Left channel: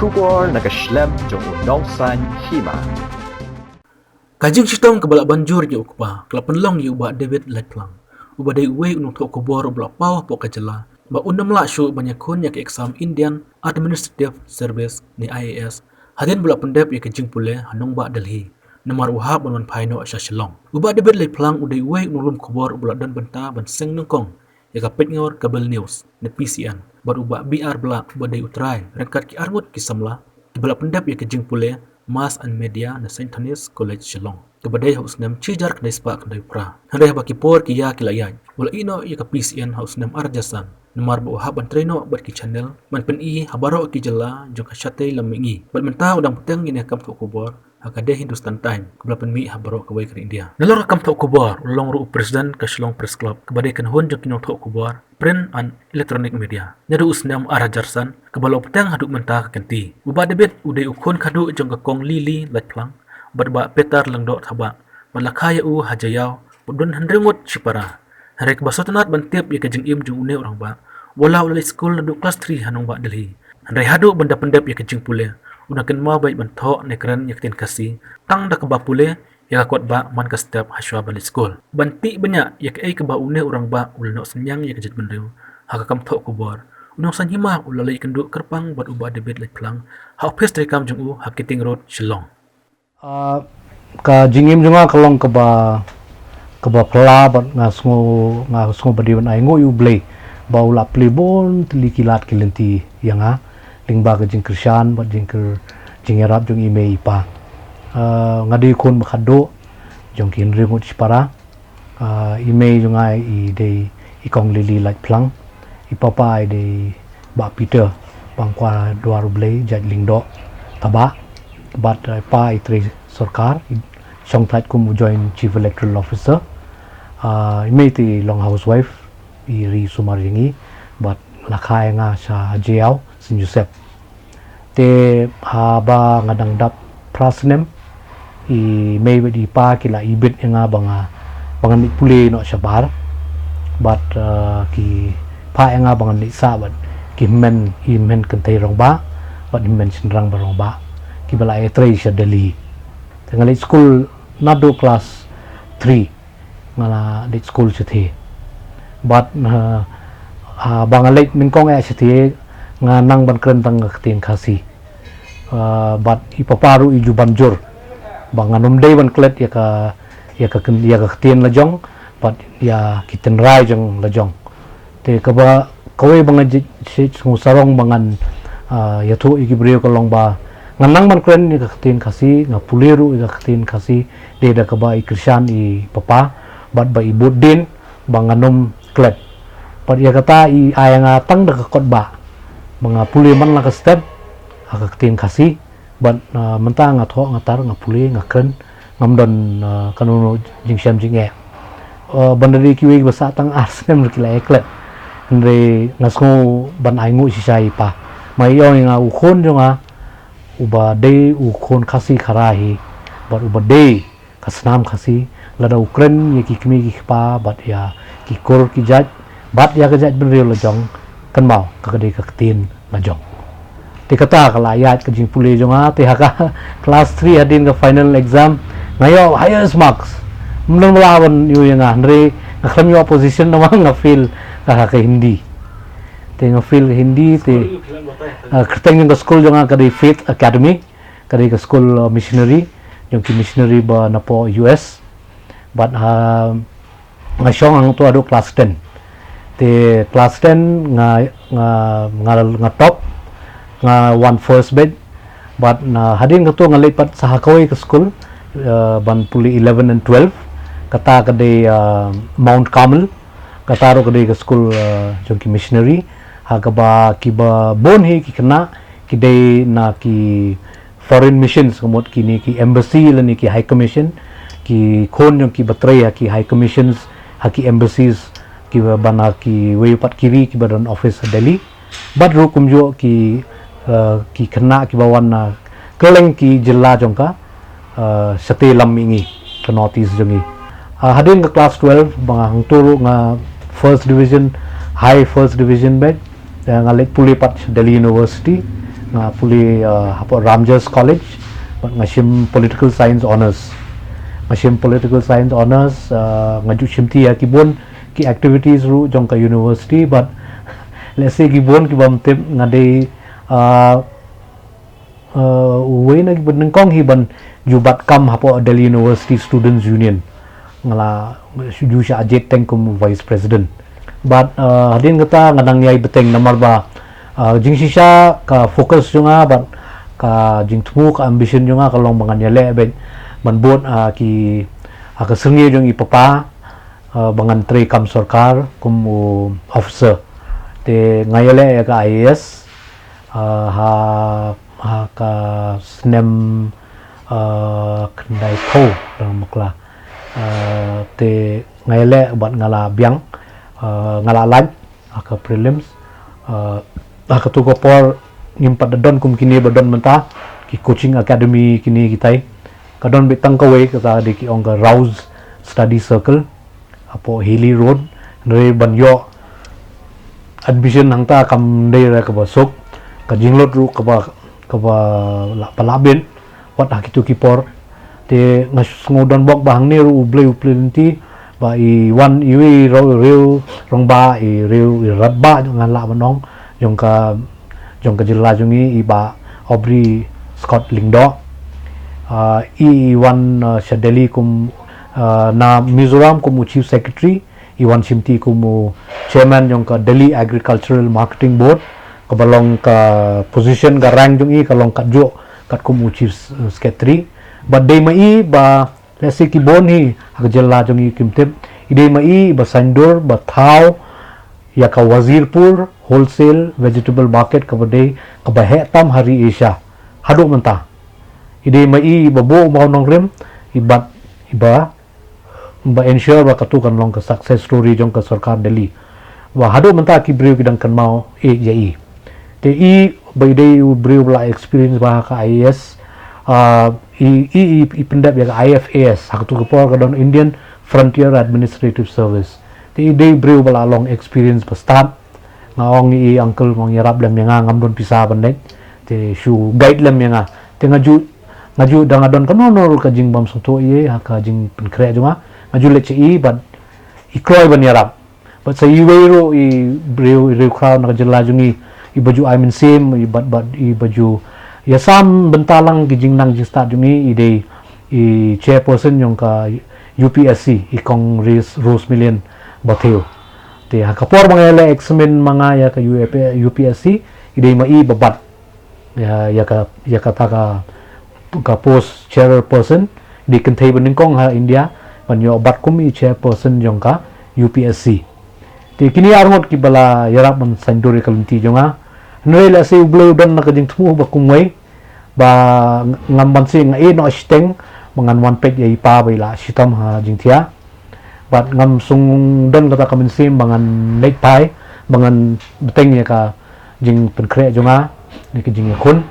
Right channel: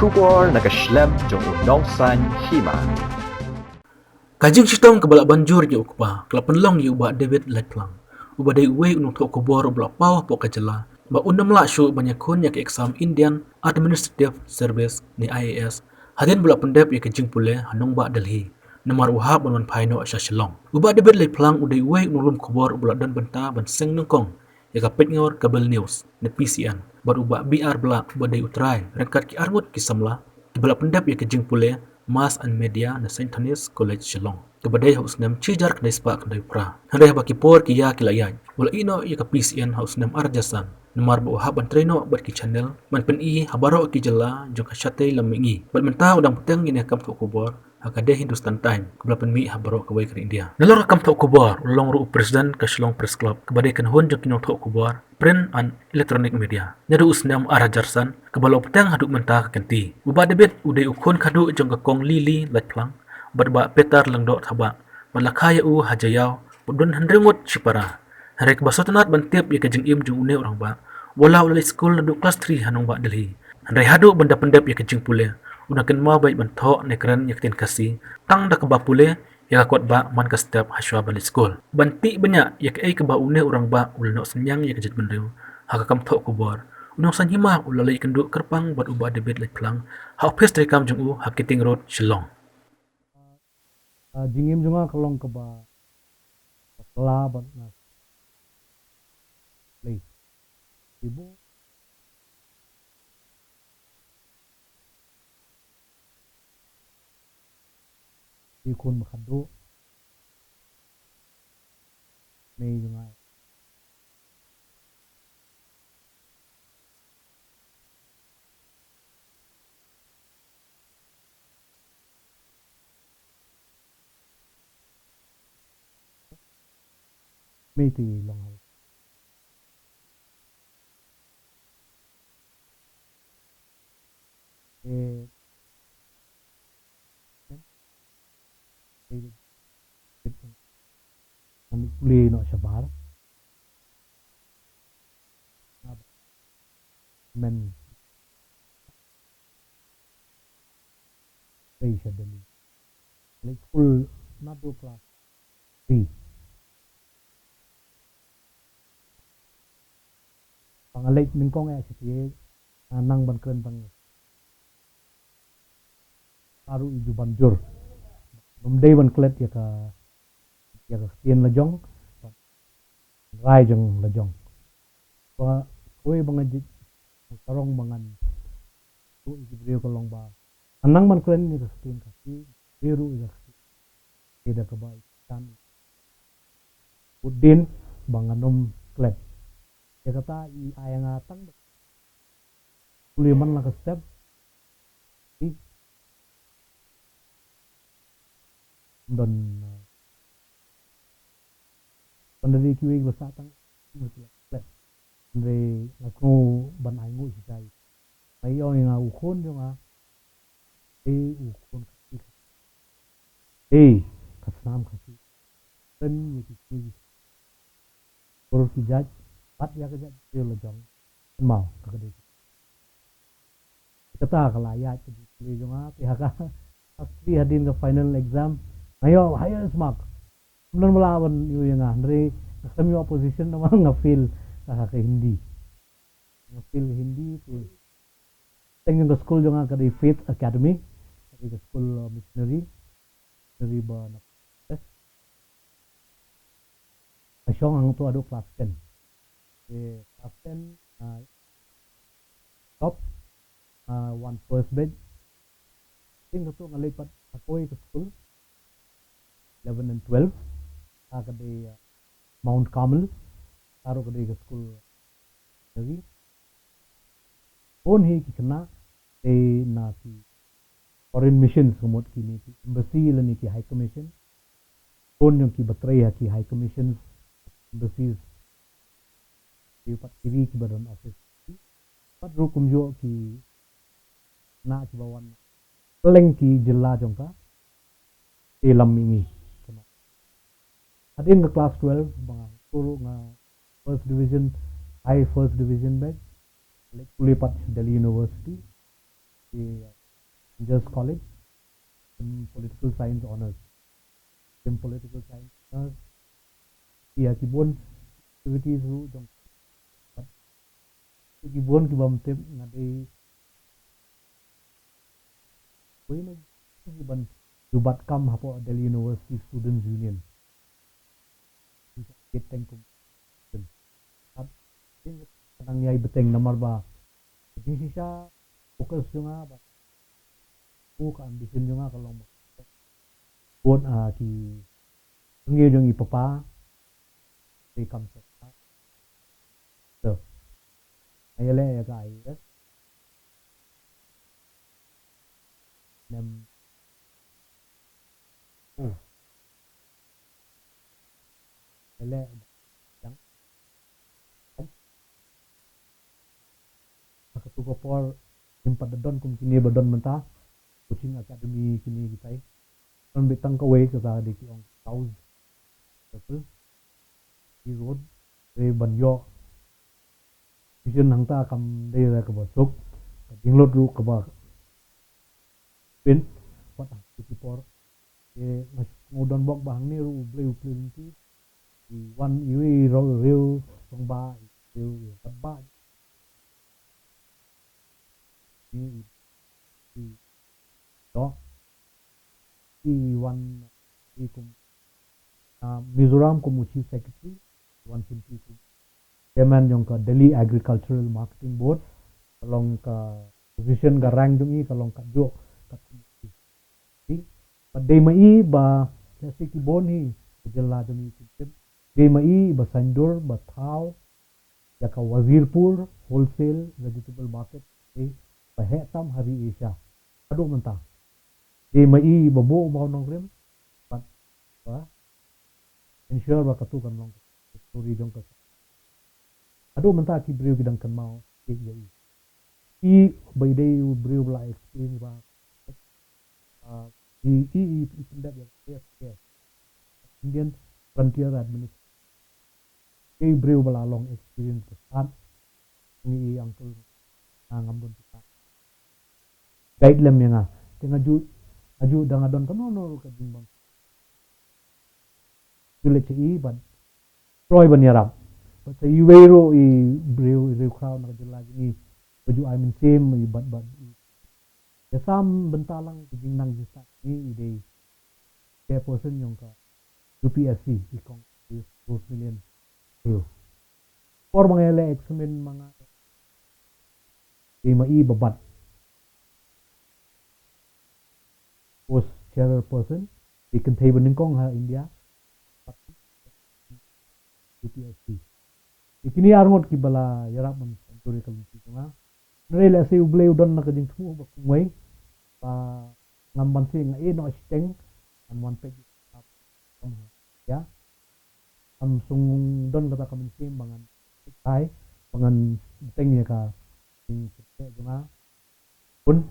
kubor nakaslem jong unongsan hima. Kajing sitong kebalak banjur ya ukpa, kelapan long ya ubah David Letplang. Ubah day uwe unong tok kubor ubah pawah pok kajela. Ba undam la syu banyak kun ya ke exam Indian Administrative Service ni IAS. Hadin bula pendep ya kajing pule hanong ba Delhi. Namar uhab ban paino asya shilong. Ubah David Letplang uday uwe unong kubor ubah dan benta ban seng nengkong. Ya kapit ngor kabel news ni PCN. Bar ubah BR bela ubah day utrai. Rengkat ki arngut ki samla. Bula pendep ya kajing pule Mass and Media na St. Thomas College Shillong. Kabadai haus nem cijar kedai spa kedai pra. Handai baki por ki ya kilayay. Wala ino ya ka PCN haus nem arjasan. Namar ba haban treno bat ki channel. Man pen i habaro ki jala jong ka syate lamingi. Bat menta udang peteng ini kam tok kubor. Hakade Hindustan Time. Kabla pen mi habaro ka ke India. Nalor kam tok kubor. Ulong ru presiden ka Shillong Press Club. Kabadai kan hon jong kinong tok kubor. Print and electronic media. Nyadu usnam arajarsan. Kabalo peteng haduk menta ka kenti. Ubah debit udai ukon kadu jong ka kong lili Letplang. Badba petar lang dot haba. Malakaya u hajayao. Budun handrengot sipara. Hari kebasotanat bantip ya kajing im jong une orang ba. Wala ulai school na kelas 3 hanong ba Delhi. Handai hadu benda pendep ya kajing pule. Unakan mau baik bantok nekran ya ketin kasih. Tang da keba pule ya kot ba man ka step haswa balik school. Banti banyak ya ke keba une orang ba ulno senyang ya kajit bendeu. Haka kam tok kubor. Unong san hima ulalai kenduk kerpang buat ubah David Letplang. Ha office dari kam jong u Hakiting Road Shillong. Ka jingim junga kalong keba pela bat ngasngo badiwan ai ngo yu blei ba ula plebon tlikilat kilenti yanga lingba ka jing krisyan bat jing arab jong ime ipa ngadi kun bakado jong kin ringut sipara ime junga i dei ikong lili Letplang ipapa ai dei ba Peter bangkwa duaru blei jat lingdo taba but pa itri sarkar song thait kum join chief electoral officer imeti long housewife iri sumaringi but lakai nga sa jail St. Joseph te haba ngadang dap prasnem i may di pa kila ibit nga bangan ni puli no sabar but ki pa nga bangan ni sa but ki men kentay rong ba but men sinrang barong ba kibala etre sa Delhi tengali school nado class 3 ngala dit school sithi but bangalit mingkong ay sithi nga nang ban krentang tin kasi but ipaparu iju banjur banganum day ban klet ya ka tin lajong but ya kiten rai jong lajong te kaba kawe bangaj sarong bangan yathu ikibriyo kalong ba nganang man kren ni katin kasi nga puliru i katin kasi de da kaba i krisyan i papa bat ba i budin banganom klet pat ya kata i aya nga tang da kakot ba mga puli man la ka step katin kasi bat menta nga tho nga tar nga puli nga kren ngamdon kanuno jingsyam jinge bandari kiwe basa tang arsem kila eklet andre ngasngo ban aingu sisai pa mai yo nga ukon jo nga uba day ukon kasi karahi but uba day kasnam kasi lada ukren ya ki kmi ki pa but ya ki kor ki jaj but ya ka jaj benril lajong kan mau ka kadai ka tin lajong te kata kala ayat ka jing puli jonga te haka class 3 hadin ka final exam ngayo highest marks mnon melawan yu yang andre ngakram yu opposition na nga feel ka hindi te nga feel hindi te kerteng yung school yung kadi Faith Academy kadi ka school missionary yung ki missionary ba na po US but nga siyong ang to ado class 10 te class 10 nga top nga one first bed but na hadin ka to nga lipat sa Hakaway ka school ban puli 11 and 12 kata kadi Mount Carmel kataro kadi ka school yung ki missionary hagaba kiba bonhi ki kena kidai na ki foreign missions kumot kini ki embassy lani ki high commission ki kon yung ki batray ki high commissions haki embassies ki bana ki waypat kiri ki badan office sa Delhi badru kumjo ki kena ki bawan na keleng ki jilla jongka sate lamingi ka notice jongi hadin ka class 12 bang turu nga first division high first division bed ngalit pulipat Delhi University nga puli hapo Ramjas College but ngashim political science honors ngaju shimti ya kibon ki activities ru jong ka university but let's say kibon ki bam tip ngade uwe na kibon kong hiban jubat kam hapo Delhi University Students Union ngala ju sha ajet teng kum vice president but hadin kata ngadang yai beteng nomor ba jing sisa ka fokus junga but ka jing tumu ka ambition junga kalong bangan yale ben ban bot ki ka sengi jong ipapa bangan tre kam sarkar kum officer te ngayale ka IAS ha ka snem kendai ko rang makla te ngayale bat ngala biang ngala lan ka prelims ka tu ko por ngimpat don kum kini badon menta ki coaching academy kini kitai kadon bitang kawe kata di ki ong Rouse study circle apo Hilly Road nre banyo admission hangta kam dei ra ka basok ka jinglot ru ka ba palabin wat hakitu ki por te ngodon bok bahang ni ru uble uplinti ba i wan i ro rong ba i rabba ngan la manong jong ka jela jungi i ba Aubrey Scott Lingdo i wan Shadeli kum na Mizoram kum chief secretary i wan Shimti kum chairman jong ka Delhi Agricultural Marketing Board ka balong ka position ka rank jungi kalong katjo kat kum chief secretary but day mai ba let's say ki boni jela jungi kimtip idei mai ba Sandor ba Thao ya ka Wazirpur wholesale vegetable market ka badai ka bahe tam hari Asia hado menta ide mai babo mau nong rem iba ensure ba katukan long ka success story jong ka sarkar Delhi wa hado menta ki breu kidang kan mau jai te i by day breu la experience ba ka IAS i pendap ya ka IFAS haktu ka por ka don Indian Frontier Administrative Service te ide breu bala long experience pa start ngaong i uncle ngong yarap lam yang ngam don pisa bandai te shu guide lam yang te ngaju dangadon kanono ka jing bam soto ye ka jing penkre junga ngaju leche i but i kroy ban yarap but sa i weiro i breu crowd na jela jungi i baju I mean same i but i baju ya sam bentalang ki jing nang jing start jungi i chairperson yung ka UPSC i kong Rose Million Batheo te hakapor mga examen mga ya ka UPSC idei mai babat ya ka post chairperson di kentai bening kong ha India banyo bat kumi chairperson jong ka UPSC te kini arngot ki bala yarap man sandori kalunti jonga noela se uble dan na kajing tumu ba kumway ba ngamban si nga no steng mangan one page ya ipa baila sitam ha jingtia bat ngam sung don kata kamin sim bangan late pai bangan beteng ya ka jing penkre jonga ni ki jing yakun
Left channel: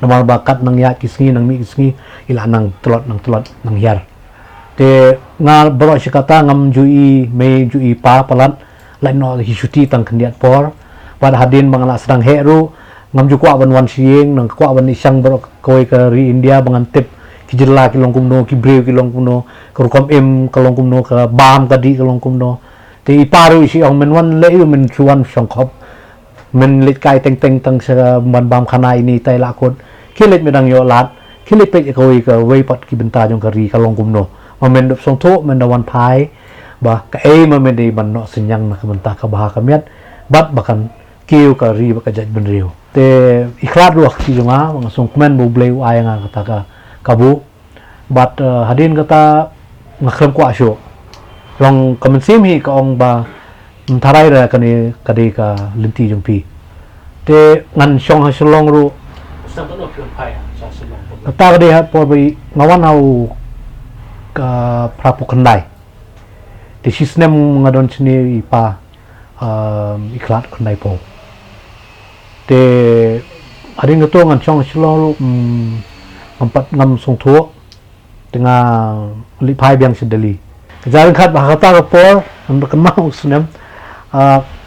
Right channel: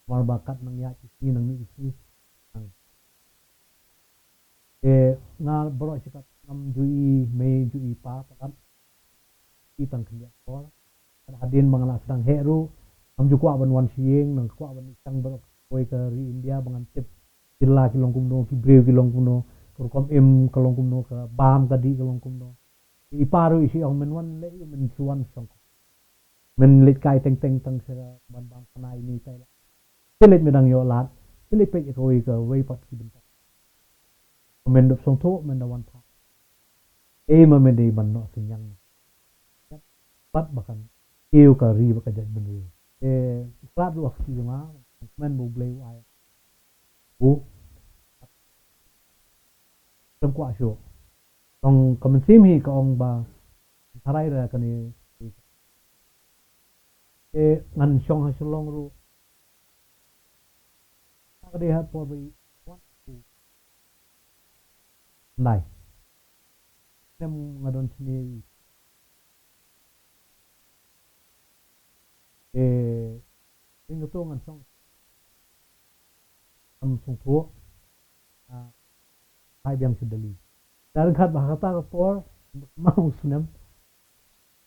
namal bakat nang ya kisngi nang mi kisngi ila nang telot nang yar te ngal bro sikata ngam jui me jui pa palat lain no hisuti tang kendiat por pada hadin mangala sedang heru ngam ju kwa ban wan sieng nang kwa ban isang bro koi ka ri India bangan tip ki jela ki long kumno ki breu ki long kumno kerukom em kalong kumno ka bam kadi kalong kumno te iparu isi ong men wan le men chuan songkhop men lit kai teng tang sa ban bam khana ini tai lakot kilit medang yo lat kilit pe koi ka wei pat ki benta jong ka ri kalong kumno men dop song tho men da wan pai ba ka ma men di ban no senyang na ka benta ka bah ka miat bat bakan kiu ka ri ba ka jaj ben riu te ikhlat ruak ki jonga song komen bo bleu ayanga kata ka kabu but hadin kata ngakrem kwa syo long kamensim hi ka ong ba tharai ra kani kadi ka linti jumpi te ngan syong ha selong ru sampai no pion pai sa selong kata kadi ha por bi ngawan au ka prapu kendai te sisnem ngadon sini ipa iklat kendai po te hadin kato ngan syong selong ru empat ngam song thuo tengah lipai biang sedeli jalan khat bahata rapor untuk kemau sunem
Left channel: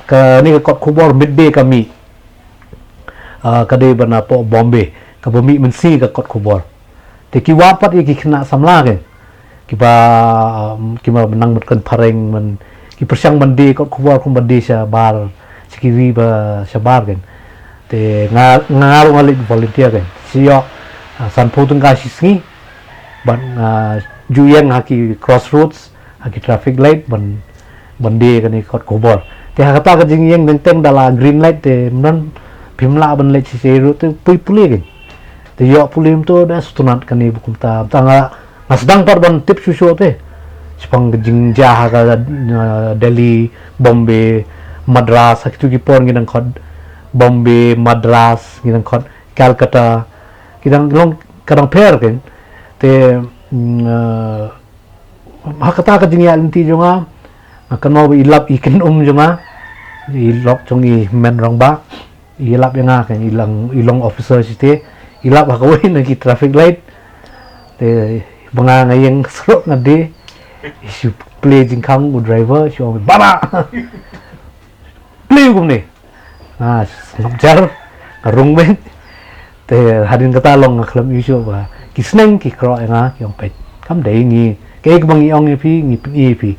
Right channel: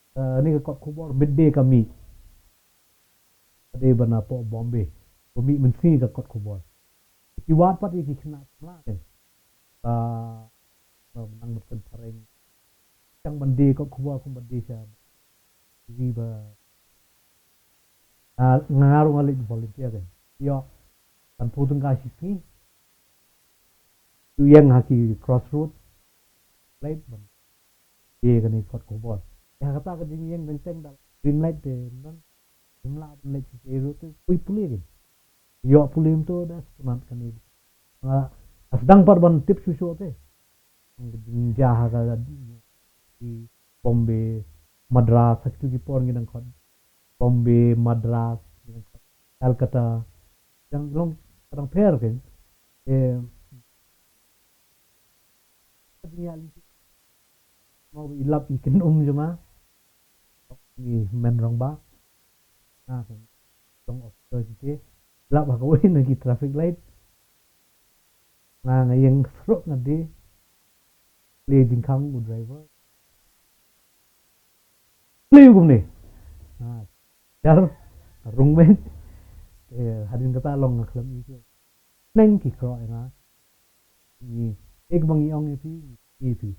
ke ni kot kubor midday kami kadai bana po Bombay ka bumi mensi ka kot kubor te ki wapat ki kena samla ke ki ba menang berkan pareng men ki persiang mandi kot kubor kum mandi sya bar sikiri ba sya bar kan te ngaru ngalik volunteer kan siyo san potong ka sisngi ban juyeng haki crossroads haki traffic light ban bandi kan kot kubor te kata ka jing yeng teng dala green light te men pimla ban light si seru te puli kan te yo pulim to da stunat kan bukum ta tanga sedang par ban tip susu te sepang jing jah ka Delhi Bombay Madras haki tu ki pon nginang kot Bombay Madras nginang kot Calcutta kidang long kadang pair kan te hakata ka jing ya linti jonga akan mau ilap ikan jonga ilok jong i men rong ba ilap yang kan ilong officer site ilap hakawin nagi traffic light te banga ngayeng serok ngade isu play jingkang u driver show baba play gum ni ngapjar ngarung men te hadin kata long ngaklam isu ba kisneng ki kro nga yong pet kam dei ngi ke bang yong pi ngi pi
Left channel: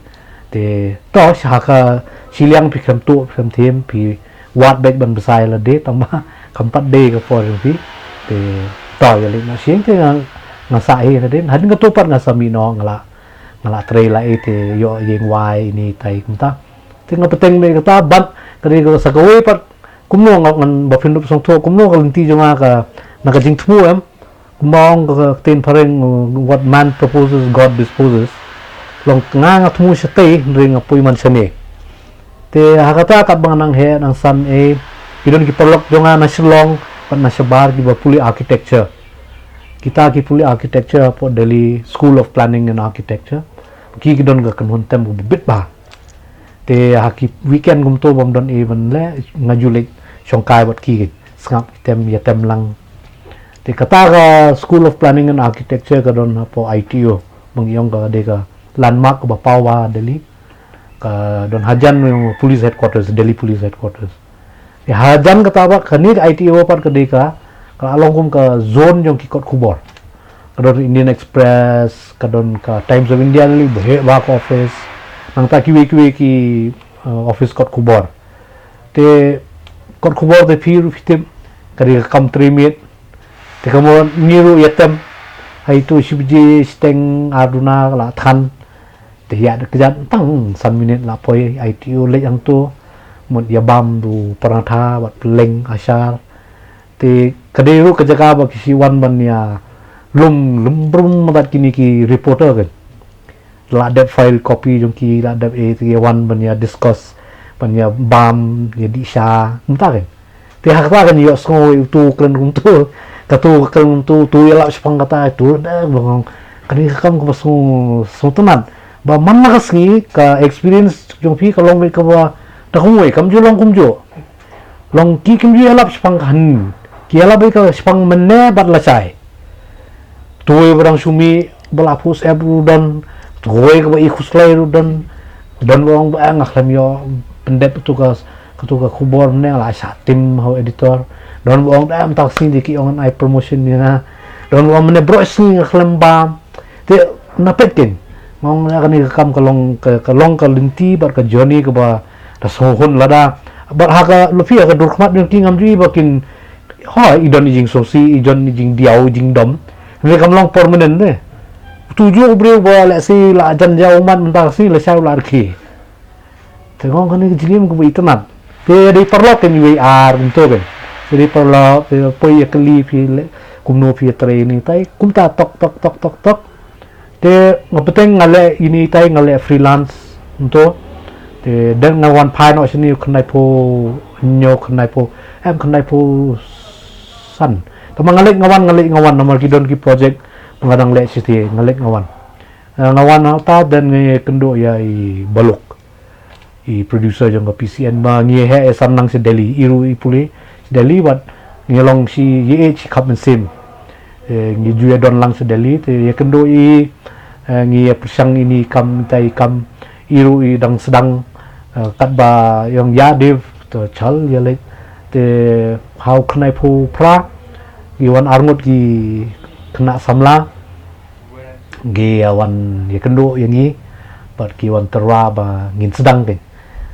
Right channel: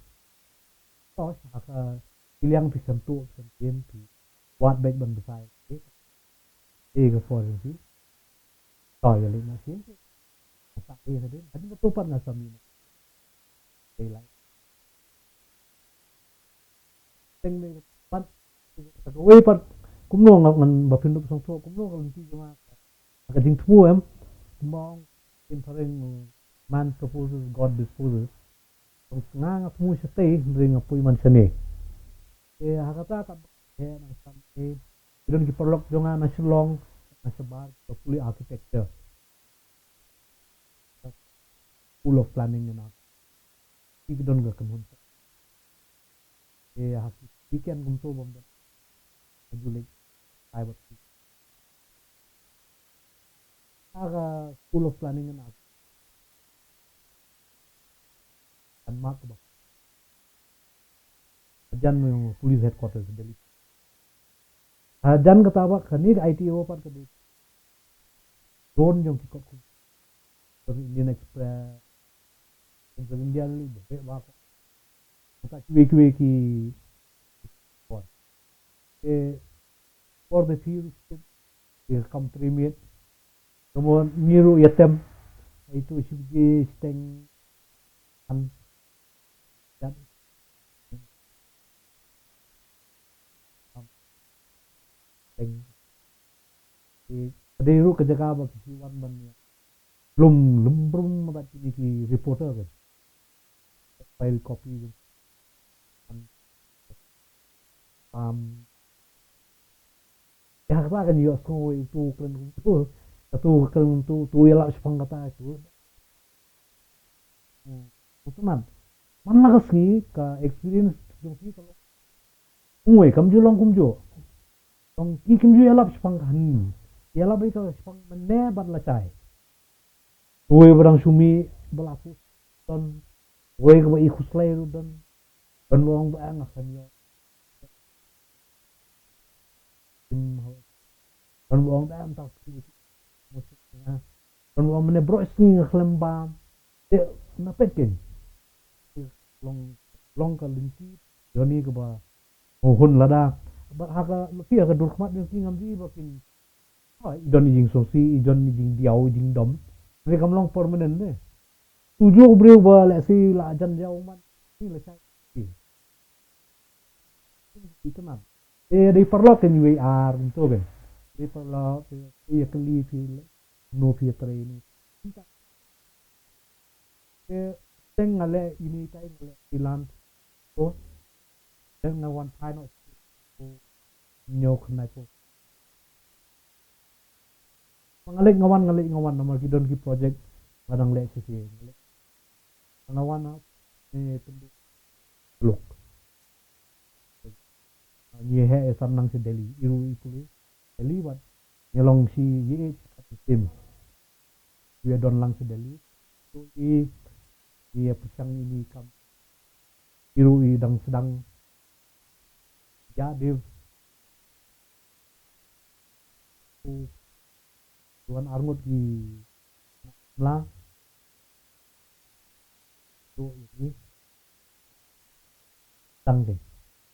te to saka siliang pi kam tu kam them pi wat bek ban besai la de tama kampat de ka for pi te to ya le na sieng te nga sai na den hadin ka tu par nga sami no ngala tre la te yo yeng wai ni tai kumta te nga peteng me kata bat kari ko sa kawai par kumno ngan ba pindup song to kumno ka linti jonga ka nakajing tmu kumong ka ten pareng what man proposes God disposes long nga tmu siya tay ring apoy man siya ni te hakata kat bang nang he nang san idon ki perlok jonga na silong pat na sabar ki ba puli architecture kita ki puli architecture po Delhi School of Planning and Architecture ki don ga kan hontem bu bit ba te haki weekend gum to bom don even le ngajulik songkai bat ki sngap tem ya tem lang te kata ka School of Planning and Architecture ka don po ITO bang yong ka de ka landmark ba pawa Delhi ka don hajan yung police headquarters Delhi police headquarters ya hajan kata ba kanir ITO par ka de ka along kum ka zone yung kikot kubor kadon Indian Express kadon ka Times of India li back office nang ta ki office kot kubor te kot kubor te phiru fitim kari kam 3 minute te kamo niru yatem hai tu shibji steng aduna la than te ya de kejat tang san minute la poi ITU le yang tu mut ya bam du paratha bat leng ashar te kadiru kejaga ba kisi wan ban ya lum madat kini ki reporter kan la de file copy jong ki la de te wan ban ya discuss ban ya bam ya di sha mta kan te hakta kan yo so tu klen kum tu katu kan tu ya la sepang kata tu da bang kani kam ko so tenan ba man na kasngi ka experience jong pi ka long me ka ba ta kumwe kam jo long kum jo long ki kim ju alap sepang kan ki alap ka sepang menne bat la chai tu barang sumi bala pus ebru dan tuwe ka ba ikuslay dan wong ba ngaklam yo pendet tugas ketuga kubor ne la sa tim how editor don wong da am tak sing diki on ai promotion ni na don wong mene bro sing ngaklam ba te napetin mong na kani kam kalong ka linti bar ka journey ka ba ta sohun lada bar haka lufi ka durkmat yung tingam ji bakin ha idon jing sosi idon jing diau jing dom ni kam long permanent ne tujuh brio ba la si la jan jauh man mentar si la sau la arki tengok kan ni jingim ko itenat te di perlok kan UAR untuk kan jadi perlok te poi ya keli pi kumno pi training tai kumta tok te ngapeteng ngale ini tai ngale freelance untuk te dan ngawan pai no sini khnai po nyo khnai po em khnai po san tamang ngalik ngawan nomor kidon ki project pengadang le siti ngalik ngawan ta dan ngi kendo ya i baluk i producer jong ka PCN ba ngi he sanang si Delhi iru i puli Delhi wat ngilong si ye chi kap sim ngi juya don lang si Delhi te ye kendo i ngi persang ini kam tai kam iru i dang sedang kat ba yang ya dev to chal ya le te hau kenai pu pra giwan arngut gi kena samla gi awan ya kendo yang ni bat giwan terwa ba ngin sedang ke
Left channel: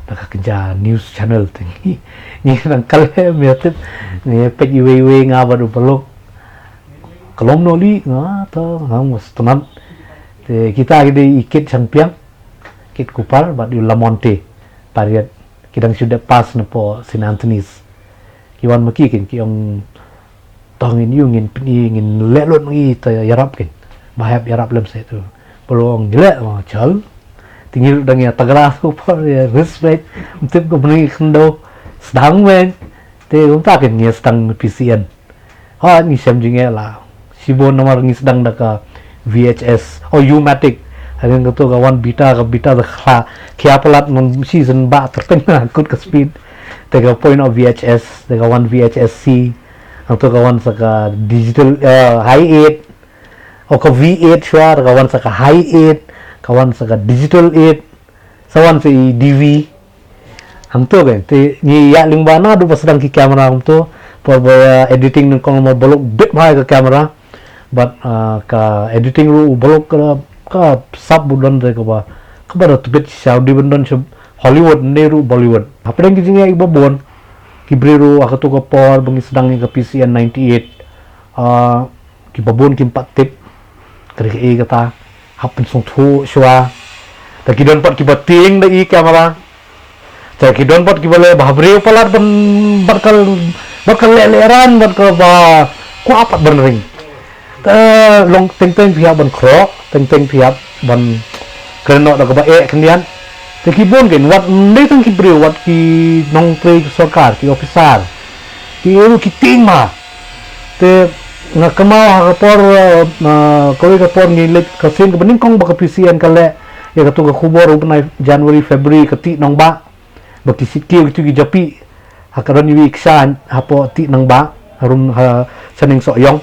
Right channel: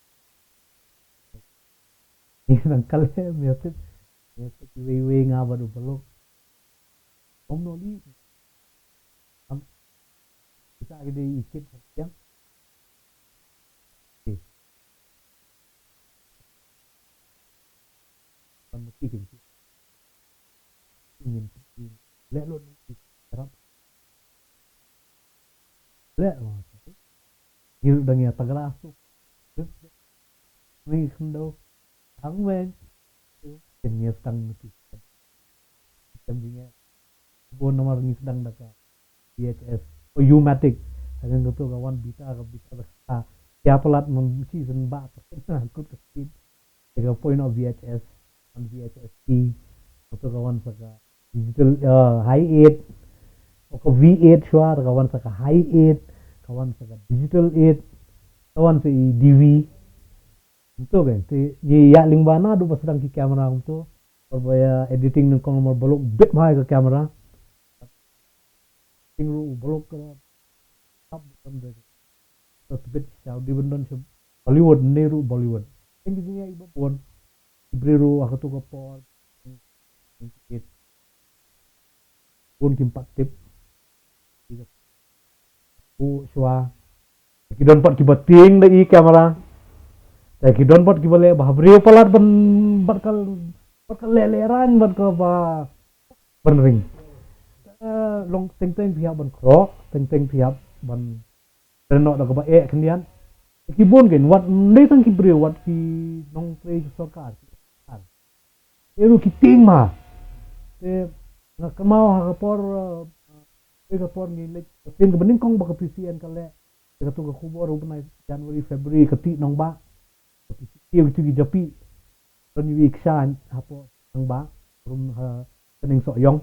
nak kerja news channel tinggi ni nang kale metip ni pek iwe nga ba du peluk kelom noli nga to hang tenan te kita gede ikit champion kit kupal bat di Lamonte pariat kidang sudah pas nepo St. Anthony's kiwan maki kin ki ong tongin yungin ngin lelot ngi ta yarap kin bahap yarap lem se tu pelong jelek ma chal tingil dang ya tagala ko par ya respect tip ko bani khndo sedang men te um ta kin ngi sedang PCN ha ni sem jinge la sibon nomor ngi sedang daka VHS o U-matic hadin ko to kawan bita da kha kya palat mon season ba terpeng kut ke speed te ka point of VHS te kawan VHS C atau kawan saka digital high 8 o ka V8 shwar kawan saka high 8 kawan saka digital 8 sawan si DV hamto kan te ni ya lingbana du pasdang ki kamera hamto por editing ng kong bolok bit mai ka kamera but ka editing ru bolok ka sub budon de ka ba kabar tu bit Saudi bundon Hollywood neru Bollywood apeng ki jinga ibabon Kibriru ako to ka por bangi sedang ka PCN 98 kibabon kimpat tip kari kata hapin song thu shwa ta kidon pat kibating da i kamera ta kidon pat kibale bahbriu palat bakal leleran bakal ba ku apat benring ta long teng pihak ban kro teng pihak ban keno da ka ba kendian te kibon gen wat ndai tang kibriu wat ki nong pre sarkar ki officer ki eru ki tingma te nga kamau por koi ka por ni let ka sin ka bening kong baka PCN kale ya ka tu ka khubor upna January February ka ti nang ba baki sikil tu gi japi hakaron wi iksan hapo ti nang ba harun saning so yong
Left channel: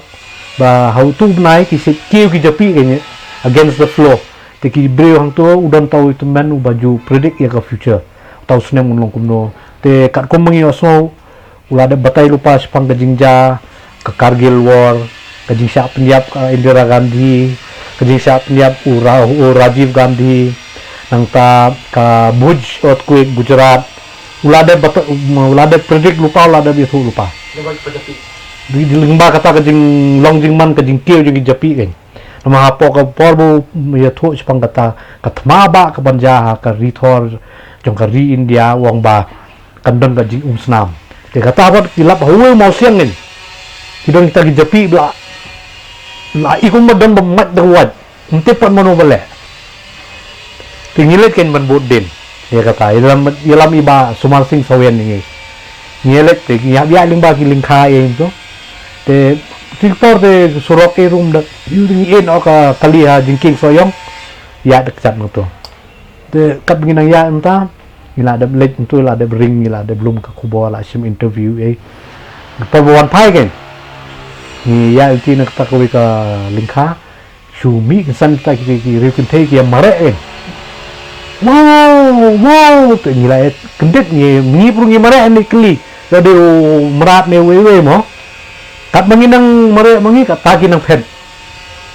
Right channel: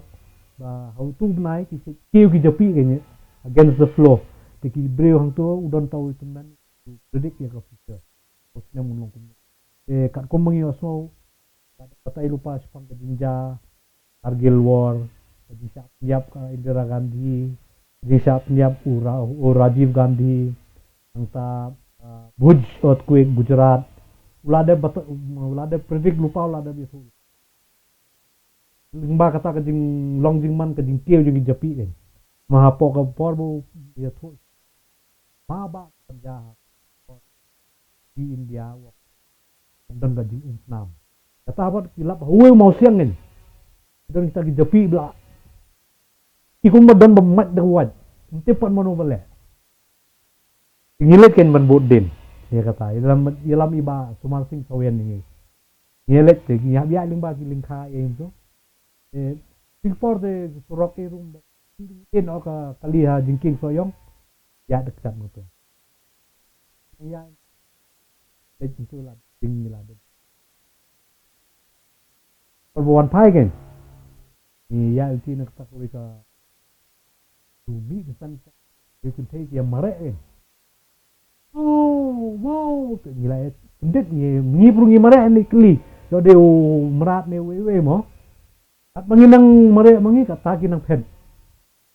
ba how tu nai ki sikil gi japi kanya against the flow te ki breu hang tu udan tau itu man u baju predict ya ka future tau snem mun long kumno te kat kom mangi oso ulada batai lupa sepang ka jingja ke Kargil War, ke Jingsa Penyap Indira Gandhi, ke Jingsa Penyap Rajiv Gandhi, nang ta ke Bhuj earthquake Gujarat, ulada predik lupa ulada bisu lupa. Di lingba kata ke jing long jing man ke jing kieu jing japi kan. Nama hapo ke porbu ya thu sepang kata katmaba ke banjaha ke rithor jong ke ri India wong ba kandon ke jing snam. Dia kata apa kilap huwe mau siang ni. Kidon kita gijapi bla ikum madon bemat dawat ente pat mano bale tingilet ken ban bodin ya kata dalam iba Sumar Singh Sawen ni ngelet te ya biya limba ki lingkha e to te tiktor te surok e room da yuding en oka kaliha jingking soyong ya dekat mo to te kat nginang ya enta ila ada let tu la ada ring ila ada belum ka kubo la sim interview e perbuan pai ken ni ya itu nak tak kau ka lingkha shumi kesan tak ki review ki mare wow tu ni la kendet ni pru ni mare ni kli jadi merat ne wewe mo kat manginang mare mangi kat taki nang phen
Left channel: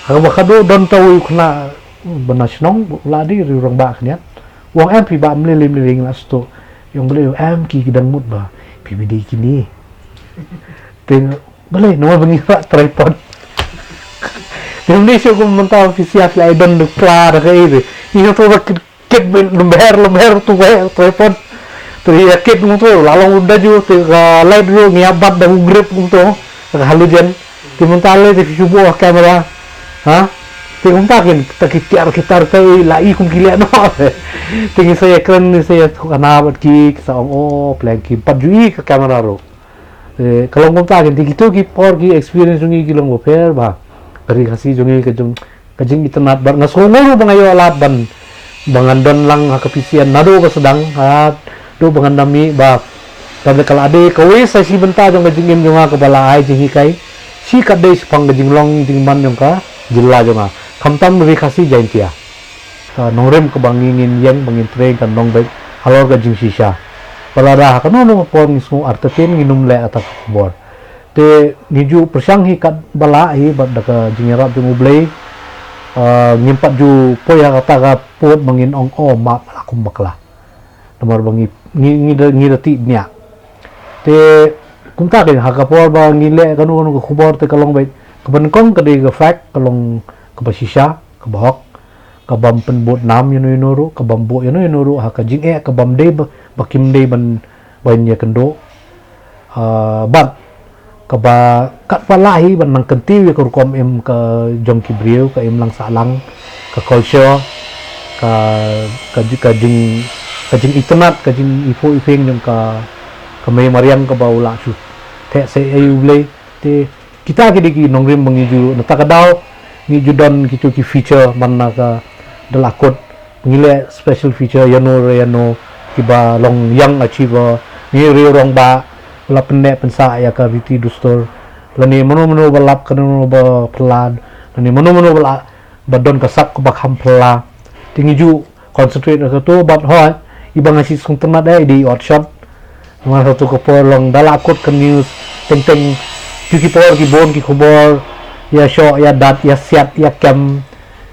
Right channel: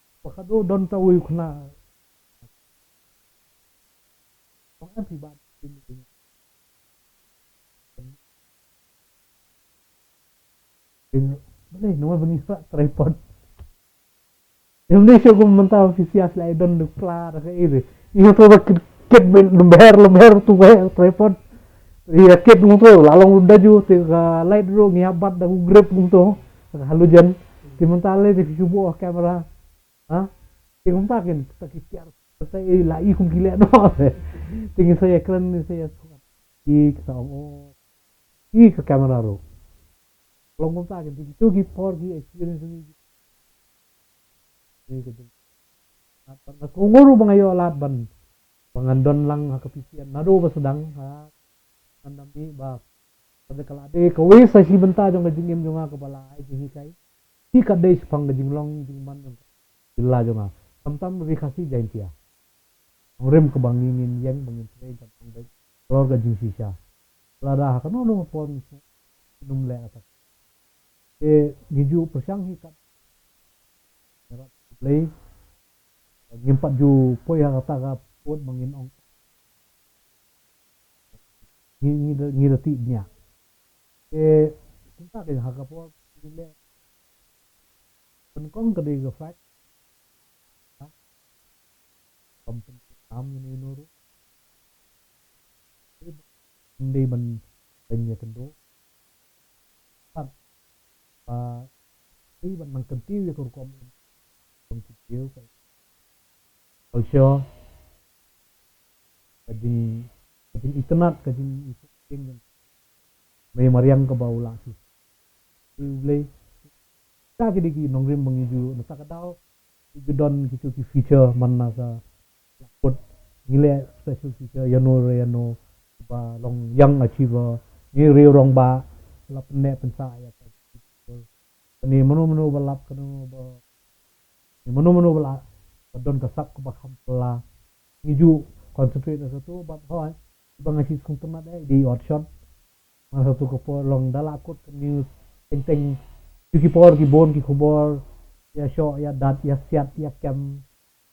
ha ba khado don taw khna banasnong ladi rirang ba khniat wong em pi ba mlelim la sto yong bele em ki kidang mut ba PBD kini teng boleh nomor bengira tripod Indonesia ko mentah ofisial la don de klar ka ide ini tu ket lemher tu tripod tu ya ket mu tu lalong udah ju tu ka light ro ngiabat da grip mu tu ka halujan ti mentale ti subo kamera ha ti kontakin ta kitar kai la i kum kile no ti saya ekran ni saya kana bat ki sa plan ki padui ka kamera ro kalau ngomong di gitu ki por ki experience ngi ki long oper ba kari kasi jongi ke jing internet bar ngasongoro bangayo alat ban bangandon lang hakapisian nado ka sedang hat do bangandami ba kada kala ade kawi sa si benta jong jingim jonga ka bala ai jing hikai si kadde pang jing long jing man jong ka jilla jonga kamtam ri kasi jaintia nongrem ke bangingin yang bangin train kan nong baik halor ka jing sisa Palada kanono pon ngismu artetin nginum le atak kubor. Te niju persyang hi kat bala hi bad daka jingerat ju mublei ngimpat ju poya kata ka pot mangin ong ma akum bakla. Nomor bangi ngidati nya. Te kumta ke hakapor ba ngile kanu kubor te kalong bait kebenkong ke de fact kalong ke basisha ke bahok ke bam penbot nam yunu ke bambo yunu haka jing ke bam de bakim de ban ya kendo bat ke ba kat palahi ban nang kenti we kom em ke jong kibriu ke em lang salang ke culture ke jing internet ke jing ifo ifeng jong ke me mariam ke baula su te se ayu ble te kita ki nongrim mengiju natakadaw ni judon kitu ki feature manna ka dalakot ngile special feature yano kiba long young achiever ni rong ba la penne pensa ya ka riti dustor lani mano balap kanu ba pelad lani mano bala badon ka sak ba khampla tingiju concentrate ka to but ho ibang asi sung tanad ai di outshot ma satu ko long dalakot ka news teng ki por ki bon ki khubor ya sho ya dat ya siat ya kem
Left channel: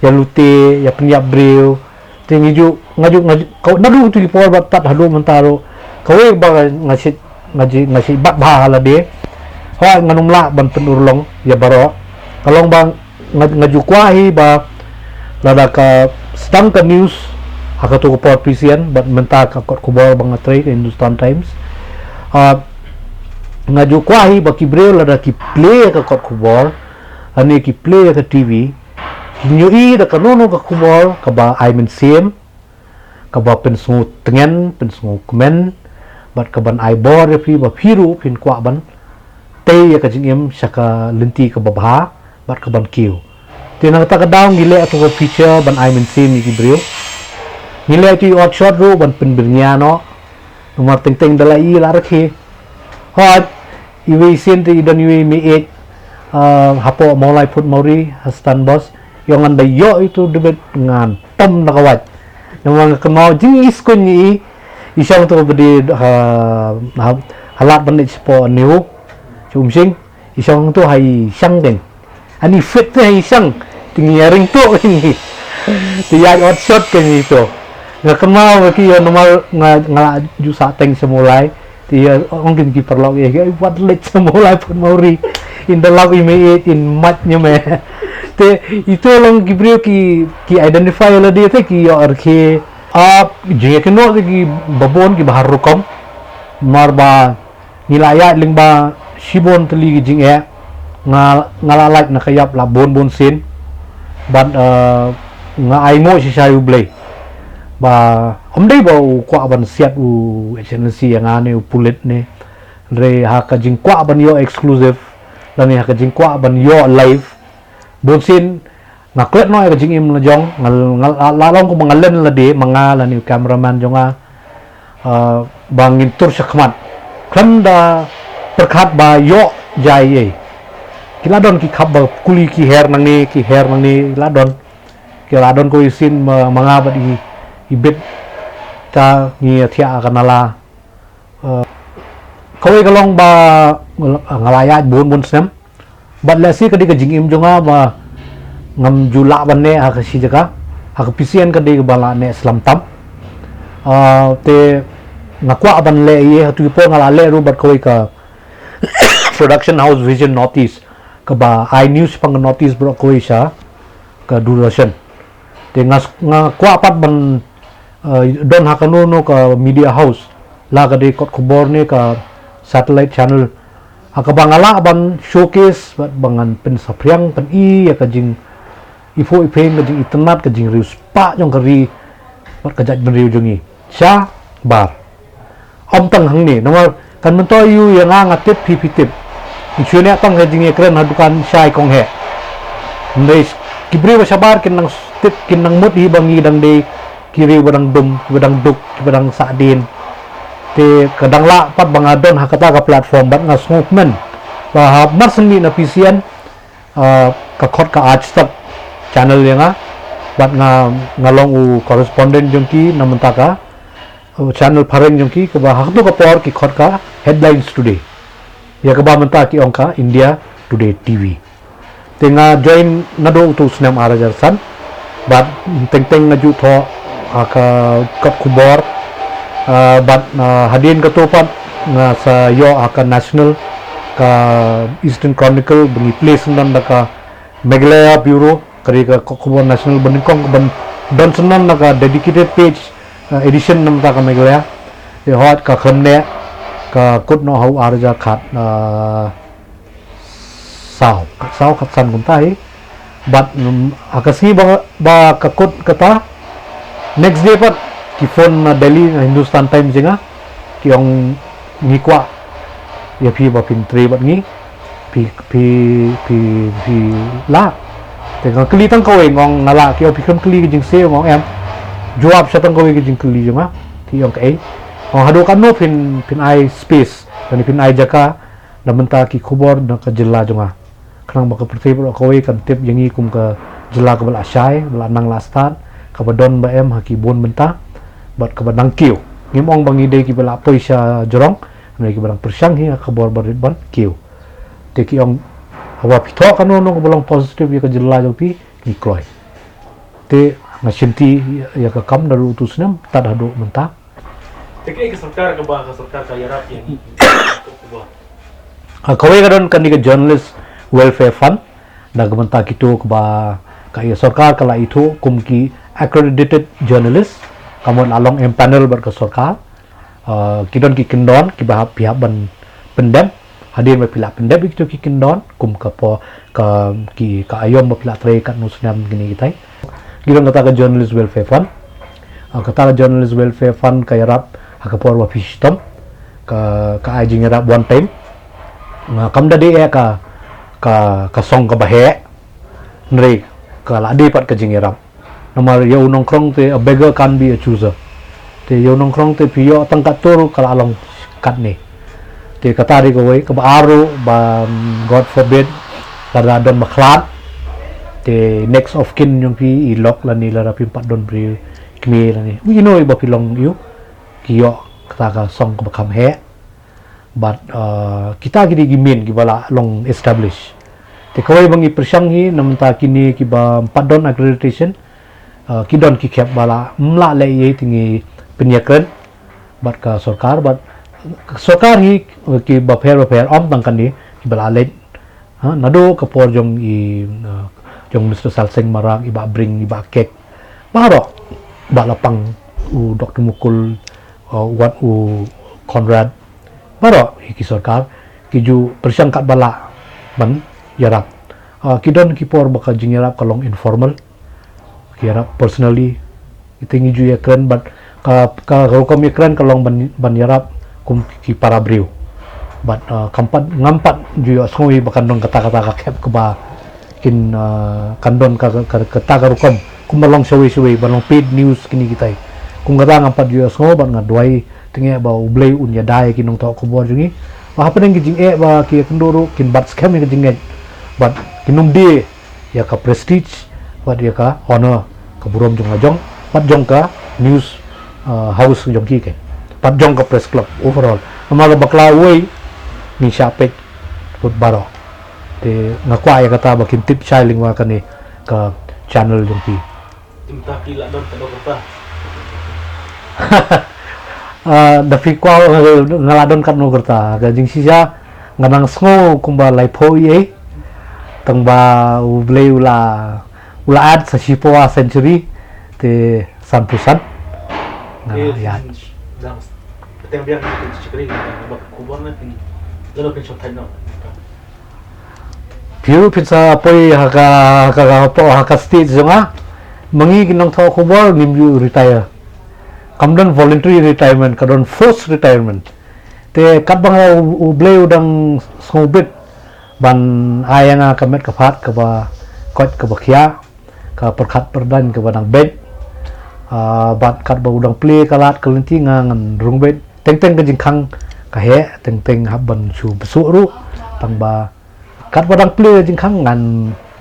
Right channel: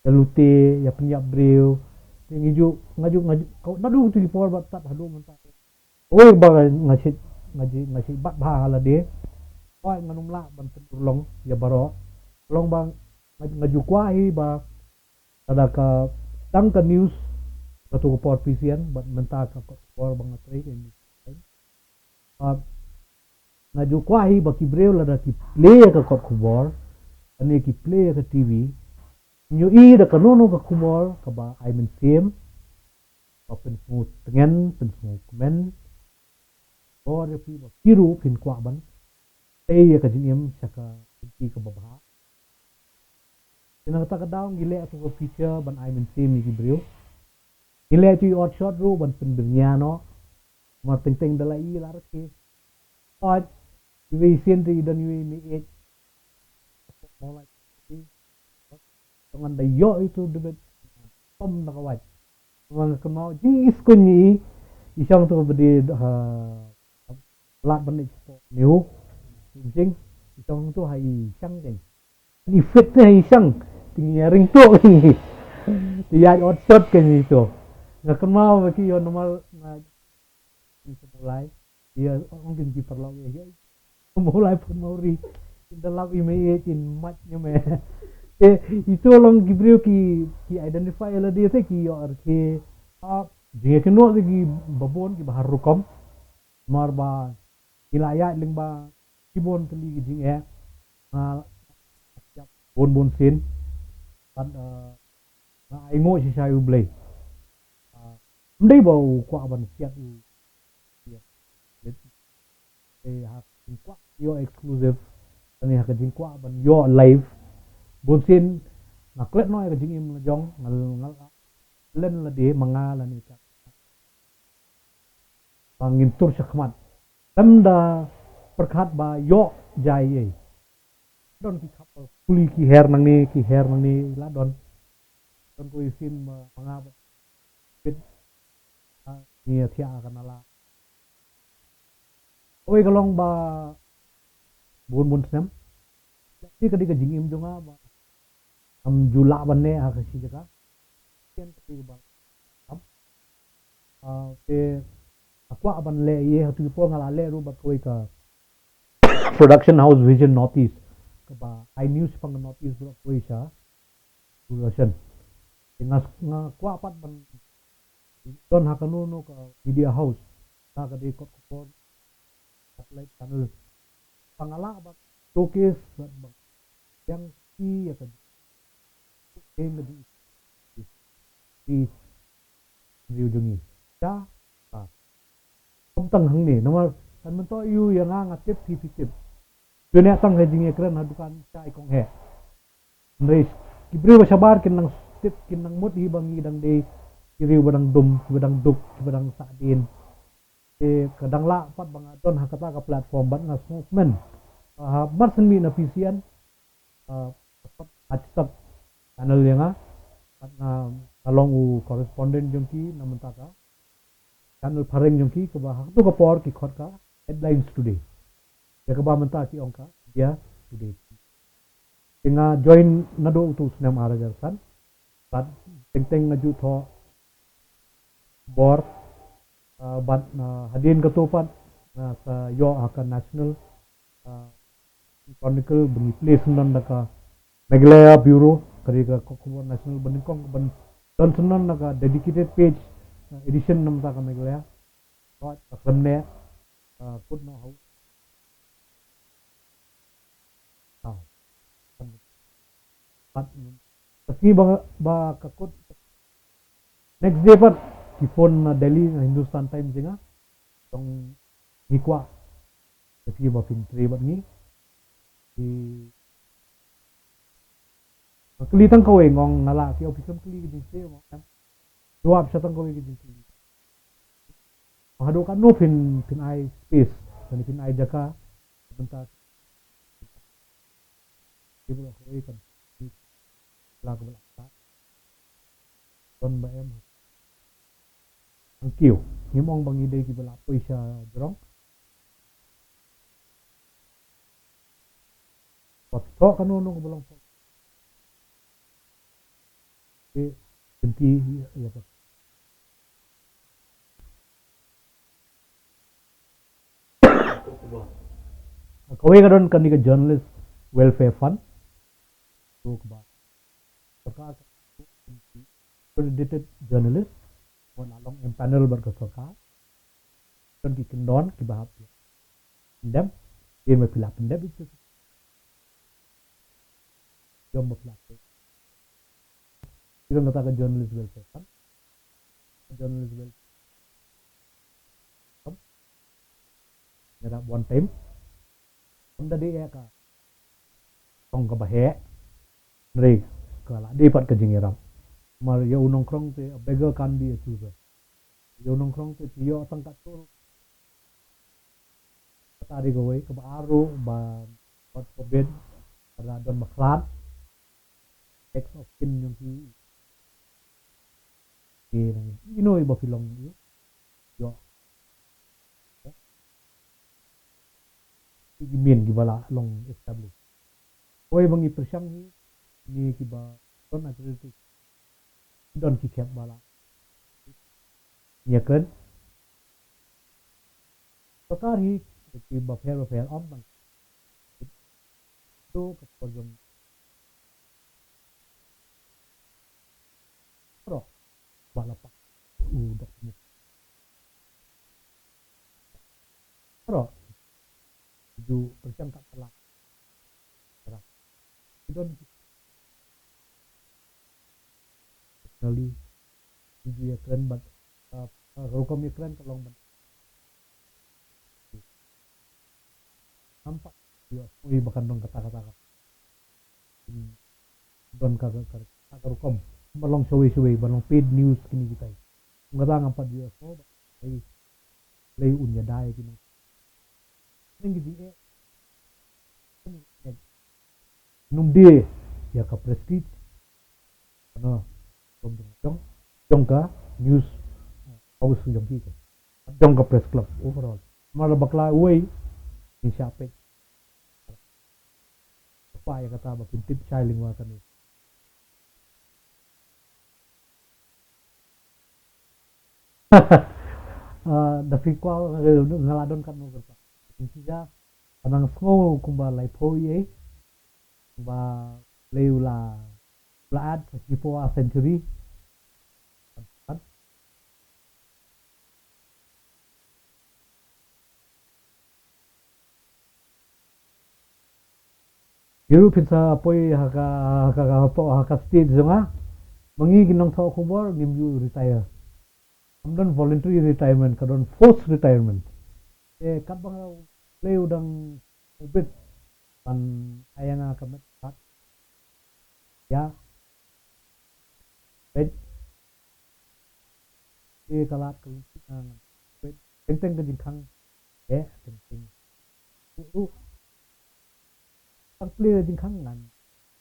ya lute ya penyap breu tingiju ngaju kau nadu tu ki por bat tat hadu mentaro kawe ba ngaji bat ba hala de ho nganumla ban penurlong ya baro kalong bang ngaju kwahi ba lada ka sedang ka news hakatu ko por prisian bat menta ka khubor bang atrai Hindustan Times ngaju kwahi baki breu lada ki play ka kot kubor ani ki play ka TV nyui da kanono ka kubor ka ba I mean same ka ba pensu tengen pensu komen bat ka ban ai bor fi ba phiru pin kwa ban te ya ka jingem saka lenti ka babha bat ka ban kiu tinang ta ka daw ngile ato ko feature ban I mean same ki breu ngile ti outshot ro ban penbirnya no nomor teng dalai la rakhe hot iwi sinti dan iwi mi hapo mulai put mauri hastan bos yang anda yo itu debet ngan tom nakawat yang kenal jingis kunyi isang tu bedi halat bandit sepo niu cumsing isang tu hai sang den ani fit tu hai sang tinggi ring tu ini tiap outshot kan itu nggak kenal lagi ya normal ngalak jusa teng semulai dia mungkin kiper log ya buat let semula pun mauri in the log image in matnya me te itu long gibriu ki identify la dia te ki or ke je ke no ki babon ki bahar rukom marba nilaya lingba shibon teli ki jing e ngalalak na kayap la bon sin but nga aimo si sayu blay ba omdei bau kwa ban siat u excellency yang ane u pulit ne re haka jing kwa ban yo exclusive lani haka jing kwa ban yo live bonsin ngaklet no ka jing im la jong ngal la long ko mangalen la de manga lani cameraman jonga bangin tur sakmat klanda perkhat ba yo jai kiladon ki khab ba kuli ki her nang ni kiladon ko isin manga ba di ibet ta ni thia kanala kawai kalong ba ngalaya bon sem bat la si kadi ka jingim jonga ba ngam jula banne ha ka si jaka ha ka pisian kadi ka bala ne slam tam te ngakwa ban le ye tu po ngala le ru bat kawai ka production house vision notice ka ba I news pang notice bro kawai sa ka duration te ngakwa pat ban don hakanono ka media house la ka de kot khobor ne ka satellite channel hakabangala ban showcase bat bangan pen sapriang pen ya ka jing ifo ipeng ka jing internet ka jing rius pa jong kari bat ka jaj ben riu jongi sha bar om tang hang ni nomor kan mento yu yang ngatip pipitip ichune tang ka jing ekran hadukan shai kong he ndai kibri wa sabar kin nang tip kin nang mut hi bangi dang de kiri badang dum badang duk badang sadin te kadang la pat bangadon hakata ka platform bat ngasngok men ba mar seni na pisian ka khot ka ajtak channel yang bat ngalong u correspondent jongki namantaka channel pareng jong ki kaba hakno ka por ki khot ka headlines today ya kaba menta ki ongka India Today TV tenga join nado tu snam arajar san bat teng ngaju tho aka kat kubor bat hadin ka topat nga sa yo aka national ka Eastern Chronicle bengi place nan ka Meghalaya Bureau kari ka kubor national beningkong ban don senan ka dedicated page edition nam ta ka Meghalaya e hot ka khamne ka kut no hau arja khat sao khat san kum tai but akasi ba ka kut kata next day pat ki phone na Delhi Hindustan Times jenga ki ong ngikwa ya phi ba pin tre bat ngi phi la te ka kli tang ko ngong nala ki phi kham kli jing se ngong em jawab sa tang ko ki jing kli jenga ki ong kai ong hadu kan no pin ai space dan pin ai jaka na menta ki khubor na ka jilla jonga khrang ba ka prthi ba ko kan tip yangi kum ka jilla ka bal ashai bal nang la start ka badon ba em haki bon menta bat ka badang kiu ngimong bangi de ki bala poisa jorong nei ki barang persang hi khabor barit ban kiu te ki ong hawa pitho kanu no bolong positive ya ka jilla jo pi ni kloi te na shinti ya ka kam daru utusnam tad hadu menta te ke sarkar ka yarap yang kubor kawai kadon kan ni ka journalist welfare fund da menta kitu ba ka ya sarkar kala itu kum ki accredited journalist kamun along panel ber ka sarkar kidon ki kendon ki bahap pihak ban pendem hadir me pila pendem itu ki kendon kum ka po ka ki ka ayom me pila tre kat nusnam gini kitai kidon kata ka journalist welfare fund kata ka journalist welfare fund ka yarap hakapor wa fistom ka ajing yarap one time kam da de ka song ka bahe nri ka la di pat ka jing yarap namar yo nongkrong te a beggar can be a chooser te yo nongkrong te pio tangkat tur kala along kat ni te katari ko we ka baaru ba god forbid kada don makhlat te next of kin yung pi ilok la ni la rapi pat don bri kmi la ni we know ba pilong yu kiyo kata ka song ka bakam he but kita gidi gimin gibala long establish te kawai bangi persanghi namta kini kiba padon accreditation kidon ki khep bala mla le ye tingi penyakren bat ka sarkar bat sarkar hi ki ba pher om tang kan ni bala le nado ka por jong jong Mr. Salseng marak iba bring iba kek baro ba lapang u Dr. Mukul wat u Conrad baro ki sarkar ki ju persangkat bala ban yarap kidon ki por baka jing yarap kalong informal kira personally itingi ju ya kren but ka hukum ya kren kalong ban yarap kum ki para briu but kampat ngampat ju ya sngoi bakan dong kata-kata ka kep ke ba kin kandon ka kata ka hukum kum balong sawi balong paid news kini kita kum kata ngampat ju ya sngoi ban ngadwai tingi ba ublei unya dai kinong to ko bo jungi ba hapen ngi jing ba ki kendoro kin bat scam ngi jing but kinung di ya ka prestige wat dia ka honor ka burom jong ajong pat jong ka news house jong ki ke pat jong ka press club overall amaga bakla way ni syapek put baro te ngakwa ya kata bakin tip shiling wa kani ka channel jong ki timta kila don kado kata dafi kwa ngaladon kan no kerta ga jing sisa nganang sngo kumba lai po ye tang ba ublei ula ad sa Sipoa century te sampusan ya dang peteng biang ni cikri ba kubor na tin lalo kin shot no piu pizza poi haka po haka stage jonga mangi ginong tho kubor nimju retire kamdon voluntary retirement kadon forced retirement te kadbang ublei udang ngobit ban ayanga kamet kapat ka ba kot ka bakhya ka perkhat perdan ke badang bed bat kat ba udang play kalat kelenti ngan rung bed teng ka jingkhang ka he teng haban su besu ru tang ba kat badang play jingkhang ngan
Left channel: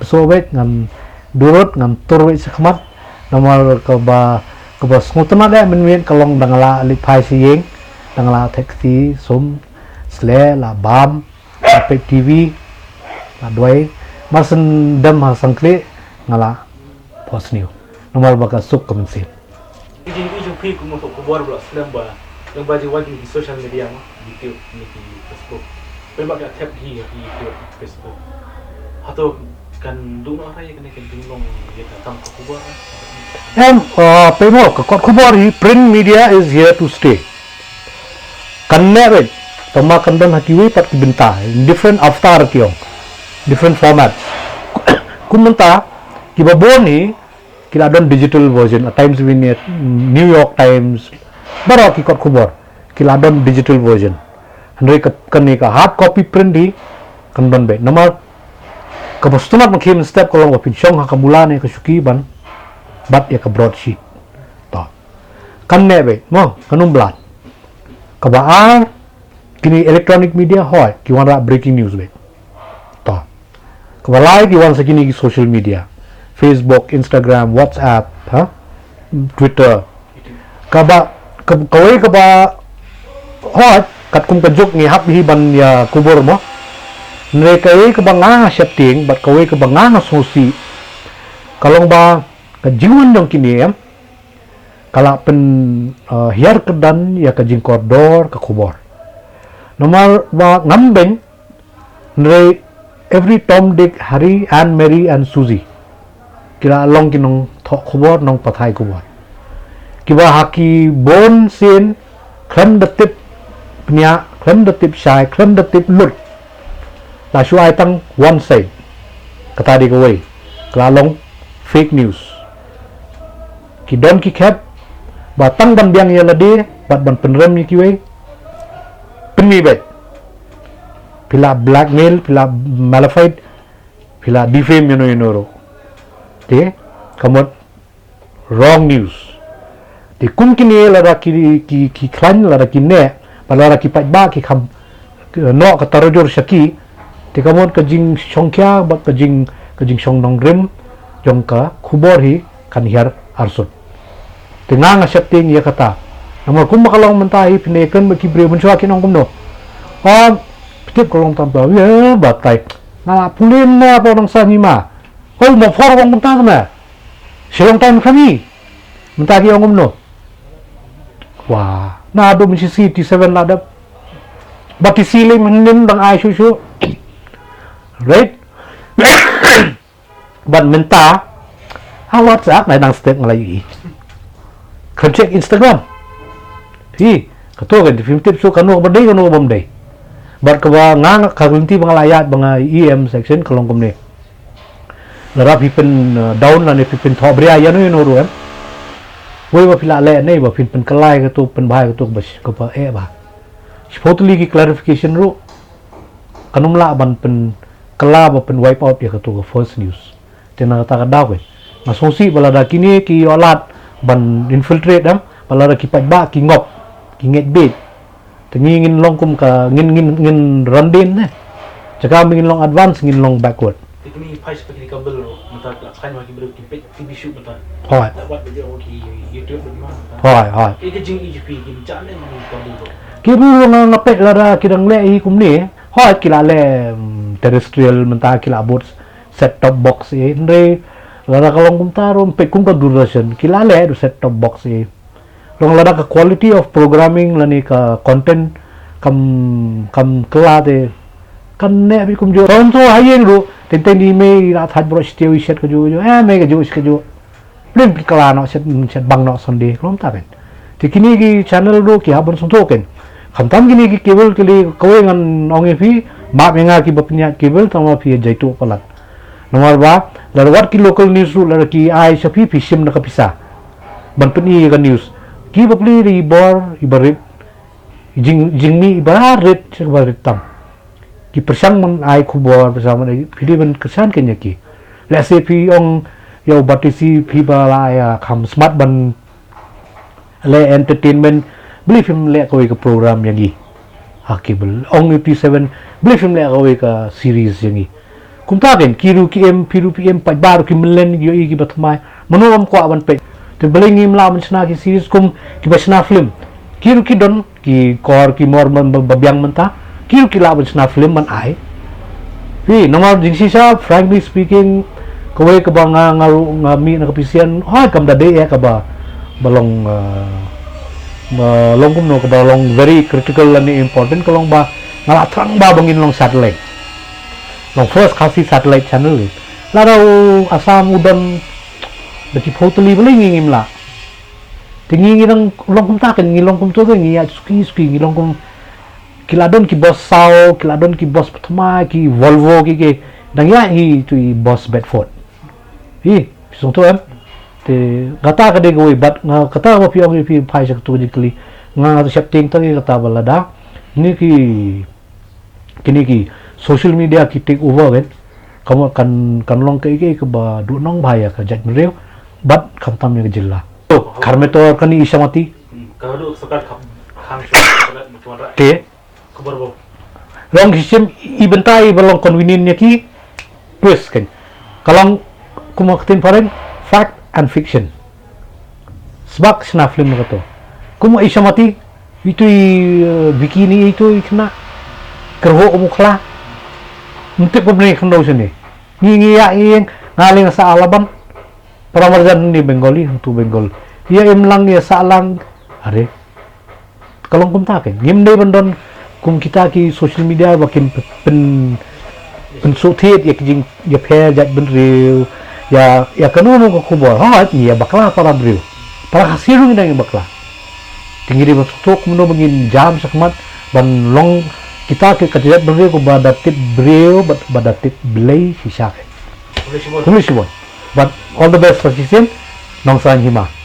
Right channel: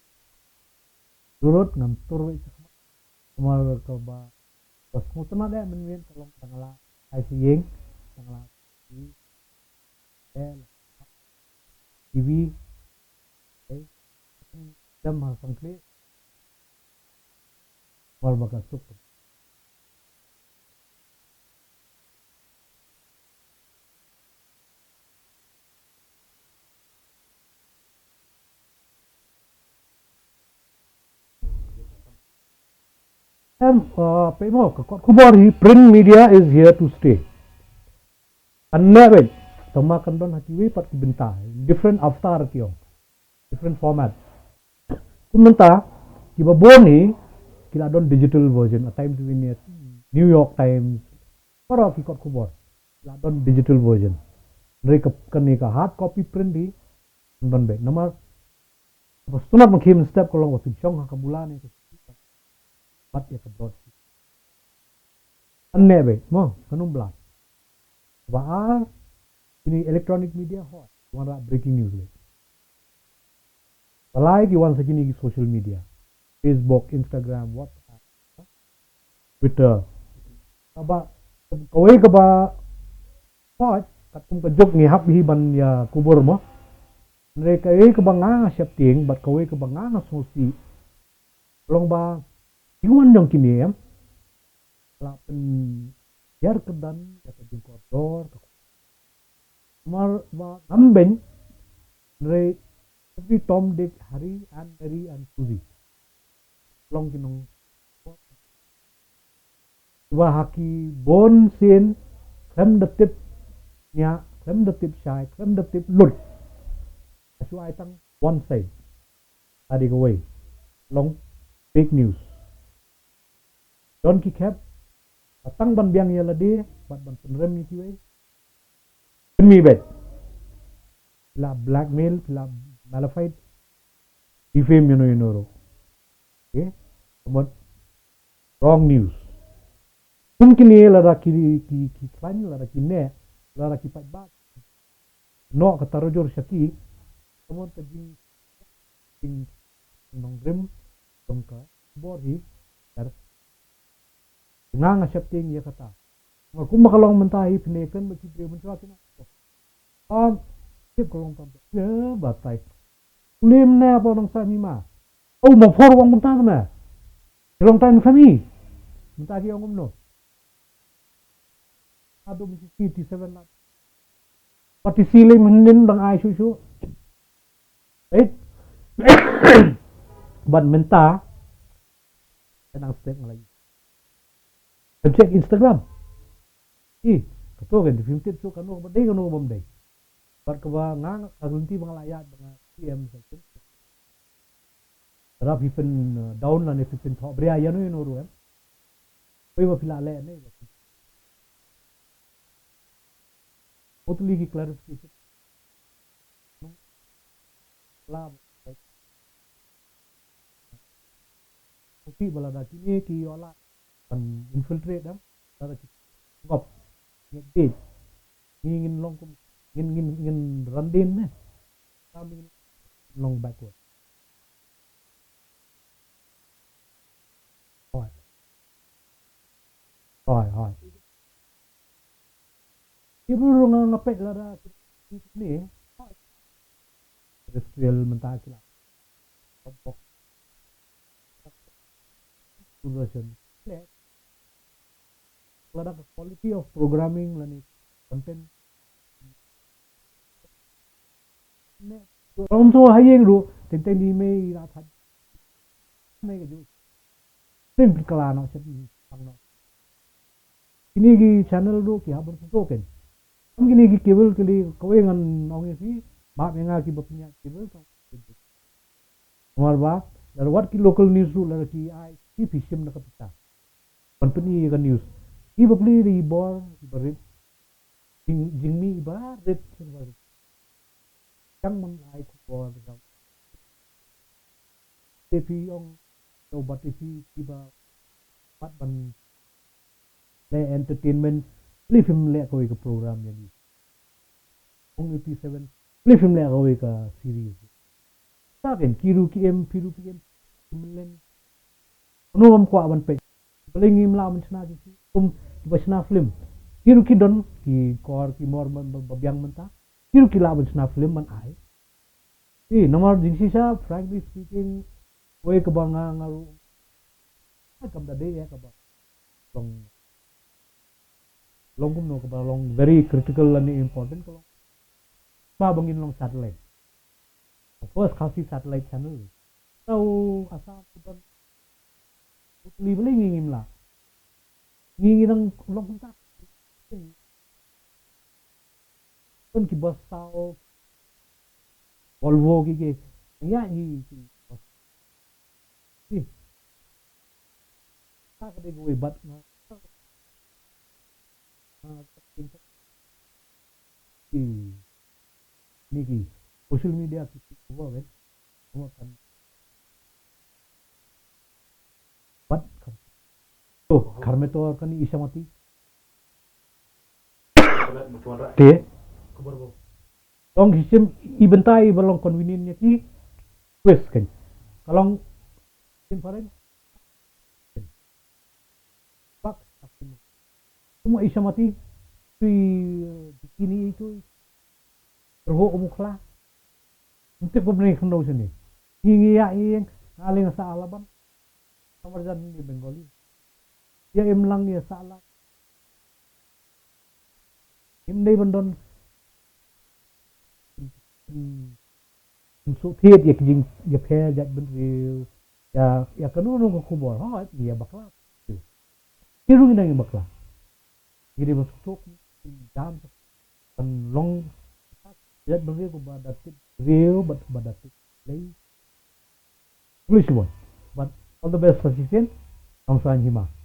besu bed ngan durut ngan tur we sekhmat nomor ka ba kaba ngutana da men kalong dangala li phai si yeng dangala taxi sum sle la bam ape tv la doi marsen dam ha sangkle ngala post new nomor baka suk kemensin Ijin pi kumo to kubor bro selamba yang baji wajib di social media mo YouTube ni di Facebook. Memang ka tap hi YouTube Facebook. Atau kan dulu orang yang kena tolong dia datang ke kubur. and pemo ka kubor hi print media is here to stay kanne tama kandan hakiwi pat kibenta in different avatar kiong different formats kumenta kibaboni kila don digital version at times we need New York Times baro ki kot kubor kila don digital version andre kani ka hard copy print di kandon be nama kabostuna makim step kolong wa pinchong hakamulane ka sukiban bat ya ka broadsheet to kanne be mo kanum blat kabaan kini electronic media hoy ki wan ra breaking news be to kabalai ki wan sakini ki social media Facebook, Instagram, WhatsApp, Twitter. Kaba hoy kat kum kajuk ni hap hi ban ya kubur mo nre kai ka banga setting bat kawai ka banga sosi kalong ba ka jiwan dong kini em kala pen hiar kedan ya ka jing koridor ka kubur nomor ba ngambeng nre every Tom, Dick, Harry, Anne, Mary and Susie kila long kinong thok kubur nong pathai kubur kiba haki bon sin klem de tip pnya klem de tip shai klem de tip lut la shuai tang one side kata di kawai kala long fake news ki don ki kep batang ban biang ya lade bat ban penrem ni kiwai penmi bet pila blackmail pila malafide pila defame yunoro te kamot wrong news te kum kini lara ki klan lara ki ne lara ki ba ki kham no ka tarojor shaki te kamot ka jing songkya ba ka jing song nong grim jong ka khubor hi kan hiar arsut te nga setting ya kata namor kum makalong mentahi pineken ba ki bre bunchwa kinong kumno pitip kolong tambah ya batai na pulim na pa nang sa nima hoi mo for wong munta na silong time kami munta ki ongom no wah na do mi CT7 la da bati silim nin dang ai shu right ban menta ha WhatsApp nai dang step ngalai kan check Instagram hi kato kan di film tip so kanu berdei kanu bom dei bat ka nga kagunti mga layat mga EM section kalong kumne lara pipen down la ne pipen thobria yanu yunu em woi ba pila le nei ba pipen kalai ka tu pen bhai ka tu bas ka ba e ba spotli ki clarification ru kanum la ban pen kala ba pen wipe out ya ka tu first news tena ta ka daw ma sosi bala da kini ki olat ban infiltrate am bala da ki pa ba ki ngop ki nget bit ngin long kum ka ngin randin ne jaga ngin long advance ngin long backward Ini pais pakai kabel lo, mentah kan lagi belum TV shoot mentah. Hoy Dapat video di YouTube bagaimana? hoy Ini jing EGP ini jangan ni kabel lo. kibu nga ngapet lara kidang le hi kumni hoy kila le terrestrial mentah kila bot set top box re lara kalong kum tarum pe kum ka Doordarshan kila le set top box long lara ka quality of programming lani ka content kam kala de kan ne bi kum jo ron so hayen ru ten di me ra thaj bro steo set ka jo me ka jo ka jo plim kala no set bang no sonde krom ta ben ti kini gi channel ro ki habon son token khantam kini gi cable kili kowe ngan onge fi ma menga ki bapnya cable tama fi jaitu palat nomor ba lar wat ki local news ru lar ki ai sapi fi sim na kapisa ban peni ka news ki bapli ri bor ibarit jingmi ibarit ibarit tam ki persang man ai kubor bersama ai pidi ban kesan kenya ki let's say pi ong yo batisi pi bala ya kham smart ban le entertainment beli film le ko ka program yang gi hakibel ong UT7 beli film le ko ka series yang gi kumta ben kiru ki em piru pi em pa baru ki melen yo i ki batmai manuam ko aban pe te belingim la mencna ki series kum ki basna film kiru ki don ki kor ki mor babyang menta kiru ki la mencna film man ai nomor jingsi sa frankly speaking kawai ka ba nga mi na kapisian kam da de ya ka ba balong long kum no ka ba long very critical and important ka long ba ngala trang ba bangin long satellite long first kasi satellite channel la raw asam udan bati totally belingim la tingi ng long kum ta kan ngilong kum to ngi ya suki ngilong kum kiladon ki boss sao kiladon ki boss Patma ki Volvo ki dangya hi tu boss Bedford sung to te kata ka de goi bat nga kata ko pi phai sak tu jikli nga setting ta kata balada ni kini ki social media ki take over kamu kan long ke ba du nong bhaya ka jat mreu bat khamtam ni jilla to kharme to kani isamati Kalau sekat khang cuma te kabar bo. long system ibentai balong convenient nya ki twist kan kalong kumaktin pareng fact and fiction sebab sena film kato kuma isamati itu bikini itu ikna kerho umukla untuk pembeli kendo sini ngi ya ing ngaling sa alaban para marjan ni Bengali untuk Bengal ia imlang ya salang are kalong kum taken ngim dei bandon kum kita ki social media bakin pen sutit ya kijing ya phe jat ben real ya kanu ko kubor ya bakla para brio para hasiru ni bakla tinggi di masuk muno bangin jam sakmat ban long kita ke kejat beri ko badatit brio badatit belai sisak tulis but all the best for season nong san hima